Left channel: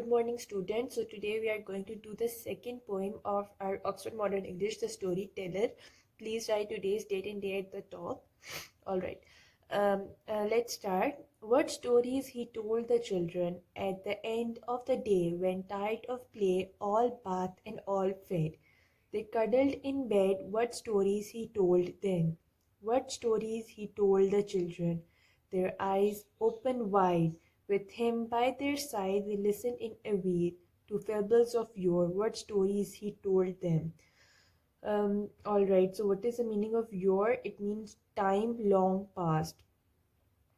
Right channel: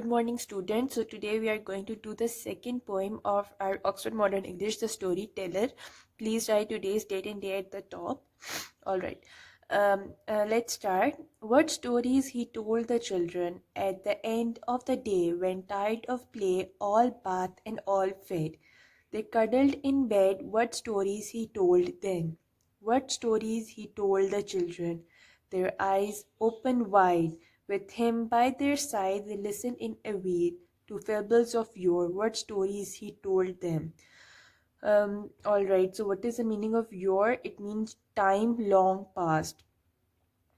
Good morning, students. So today we are going to do the second poem of our Oxford Modern English, The Storyteller. Please write today's date and day at the top. All right. Let's start. What stories he told the children at the end of the day when tired of play, all bathed and all fed. They cuddled in bed. What stories he told then? What stories he told the children? Their eyes open wide. With him by their side, they listened in awe to fables of yore. What stories he told them? All right. So, what is the meaning of yore? It means time long past.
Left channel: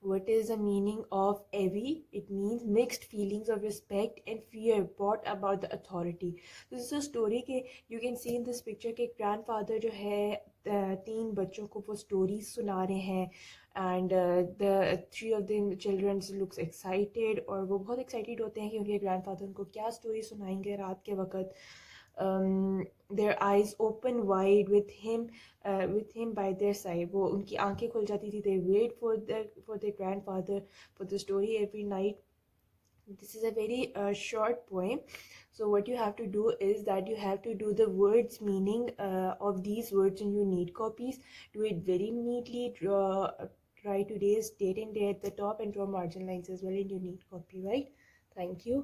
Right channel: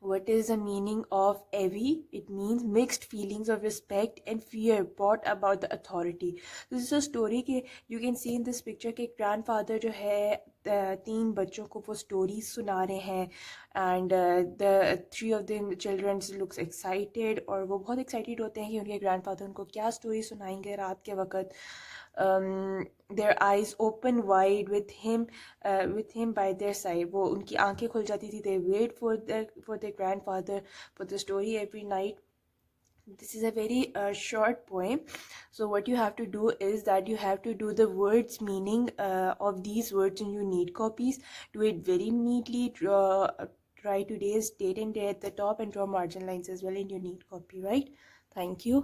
What is the meaning of awe? It means mixed feelings of respect and fear brought about the authority. This is a story कि you can see in this picture कि grandfather जो है तीन बच्चों को वो stories सुना रहे हैं and the three of them children looks excited और वो बहुत excited होते हैं कि उनके grandfather उनको क्या story सुनाएंगे रात के वक़्त. Their eyes open wide with him by their side. वो उनकी आंखें खुल जाती थी. They wait for their grandfather for the story every night. This is a very short poem. So what you have to do is that you have to do the words meaning of these words in your need copies. Do it very neatly. Write today's date and day at the top and draw margin lines as well in your need copy, right? Thank you.